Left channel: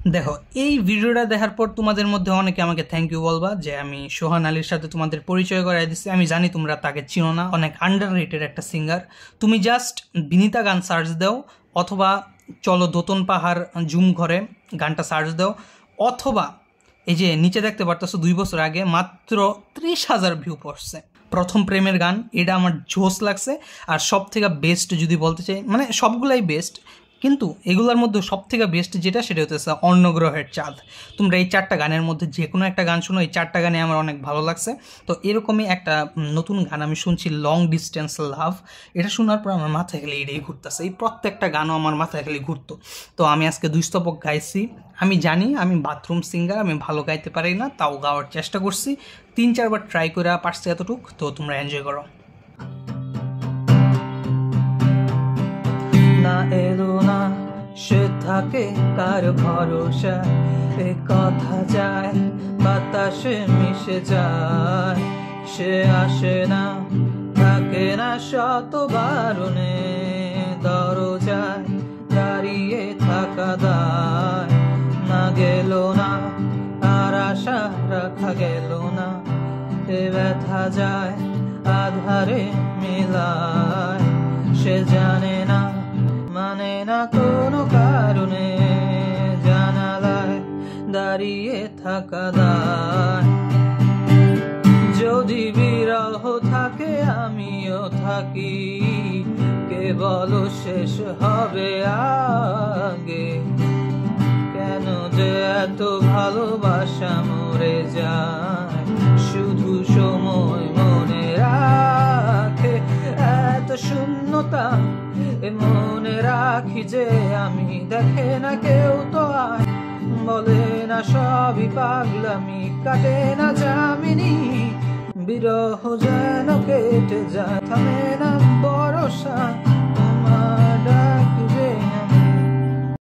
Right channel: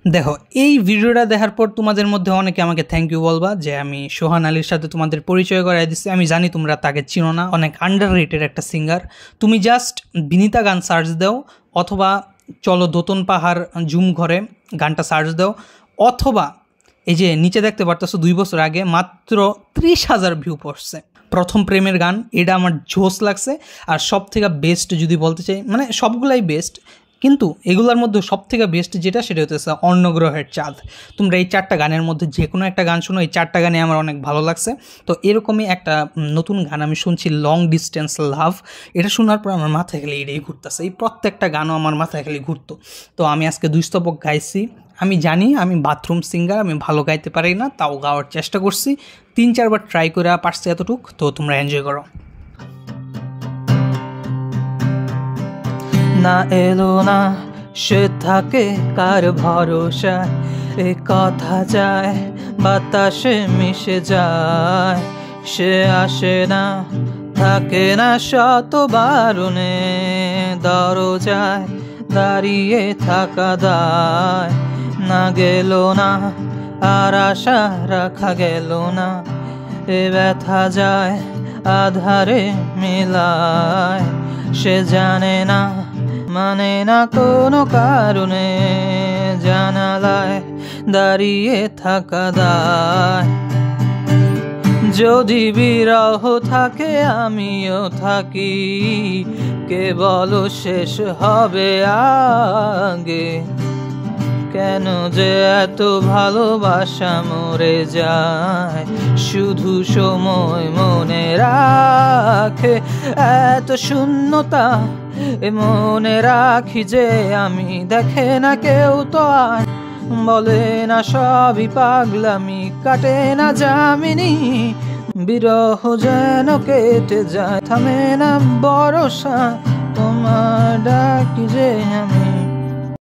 দেখো, এই ভিডিওটা দেখার পর তোমাদের মধ্যে অনেকে আমাকে থ্যাংক ইউ বলবা যে আমি সোহান আলীর সাথে তোমাদের পরিচয় করাই দিচ্ছি। আমি জানি তোমরা তাকে চিনো না, অনেক আন্ডার রেটেড একটা সিঙ্গার। তুমি জাস্ট বিনীতা গান সার্চ দাও, অথবা চলো দোতন পাহাড় ঝুম ঘরে গানটা সার্চ দাও, অথবা এই যে নিচে দেখতে পারতেছো 2 বছর আগে মাত্র 30,000 ভিউ পড়ছে প্রথম প্রেমের গান। এটা আমার জোস লাগছে। আর সব থেকে বেস্ট যদি বলতে চাই, মানে সবগুলাই বেস্ট, কিন্তু এগুলোর মধ্যে সব থেকে বেস্ট যেটা, সেটা হচ্ছে অন্নগ্রহের চাঁদ। তোমরা এই 4টা গানের মধ্যে যে কোনো একটা গান শোনো, এই 4টা গানে আমার অনেক ভালো লাগছে। তো এরকমই একটা নতুন গান আমি শুনছি, লং ডিস্টেন্স লাভ। এটা শোনার পর আমার মাথায় খালি এটাই ঘুরতেছে, এই প্রত্যেকটা গানও আমার মাথায় খালি ঘুরতো। তো আমি আজকে 2 স্তবক গাইছি। আমি জানি আমি বাথরুম সিঙ্গার, আমি ভালো গাইতে পারি না, তাও গাওয়ার চেষ্টা করছি। 3-4 বার ট্রাই করে পারছি এতটুক। তো তোমরা এনজয় করো। না এলো না সে থাকে কার ভরসা, এ কথা যায় বাতাসে মিশে যায়। সে আসে না, থাকে না শত বারণে, দরজায় দাঁড়িয়ে থাকা দায়। না গেল না আর আশা রাখা গেল না, এ ব্যথা যায় আধারে মেলায়। সে জানে না, মানে না কোনো কারণে, জানালায় দাঁড়িয়ে থাকা দায়। যদি বিরহ থাকে আমিও থাকি, কে বলো শেষ হবে আগে? কেন যে এত ভালোবাসা মরে যায়, শুধু সময় মনে রাখে এত শূন্যতা। মনে রাখি যে আমি, দেখে না কেউ তো আর, বলে না সবই পাগলামি, কাটে না যামিনী। বিরহ যেন কেটে যায়, থামে না ভরসা।